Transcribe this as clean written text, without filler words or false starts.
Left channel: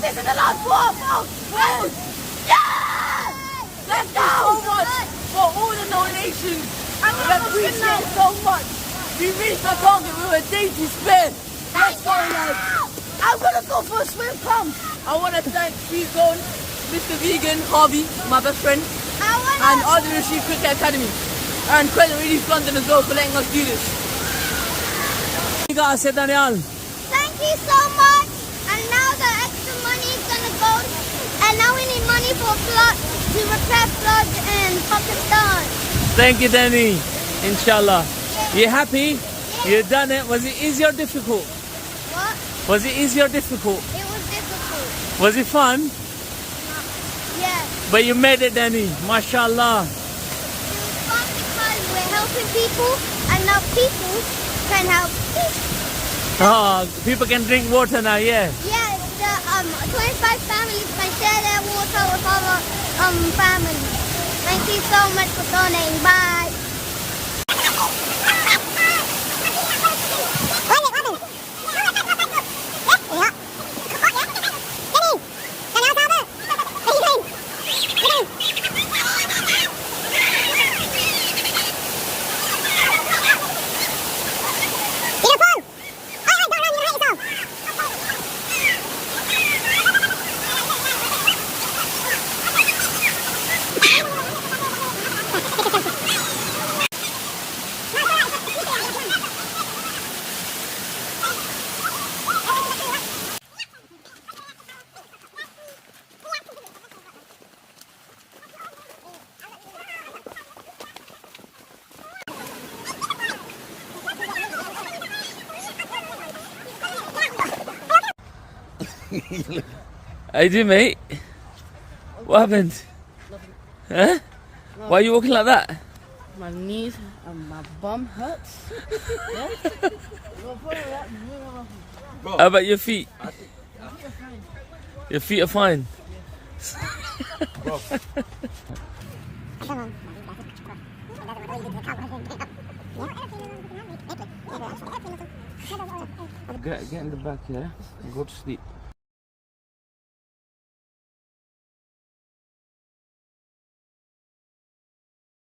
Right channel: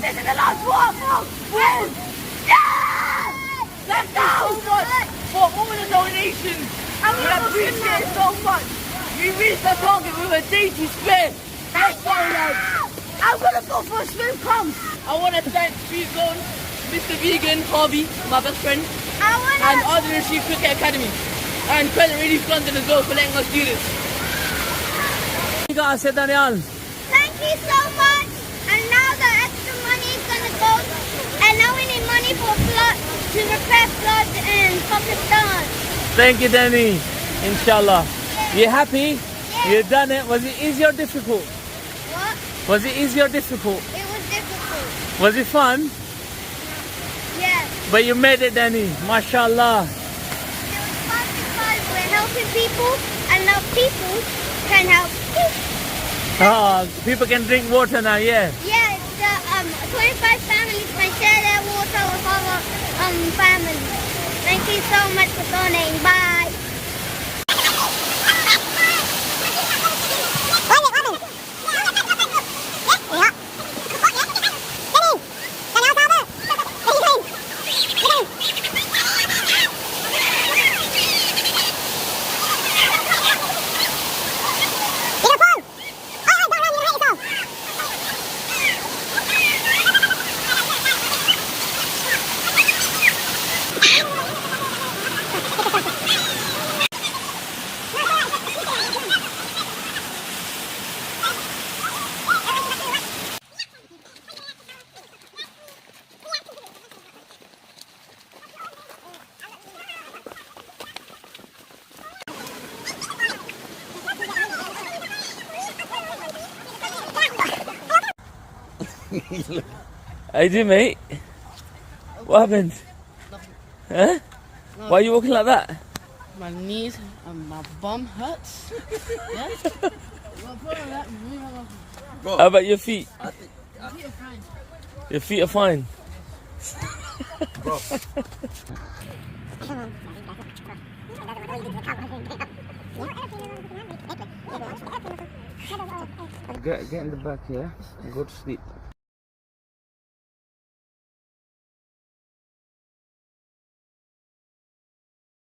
this is the last one. Win! Yeah! Let's go! So much for all the donations. We appreciate it so much. We reached our target with a dainty spin. Let's go, lads. I'm gonna go for a swim pump. I want to thank Street Zone, Mr. Vegan, Harvey, my best friend, and Arden Street Cricket Academy, and Crescent Relief London as well for letting us do this. You guys said, Daniel. Thank you so much. And now the extra money is gonna go. And now we need money for flood to repair flood in Pakistan. Thank you, Danny. Inshallah. You happy? Yeah. You done it. Was it easy or difficult? What? Was it easy or difficult? It was difficult. Was it fun? Yes. But you made it, Danny. MashaAllah. It was fun because we're helping people, and now people can help people. Oh, people can drink water now, yeah. Yeah, the 25 families can share their water with other families. Thank you so much for donating. Bye. How you doing, mate? What happened? Huh? Why are you walking like that? My knees and my bum hurts. Yes? How about your feet? Your feet are fine. Get in the back here and go to sleep.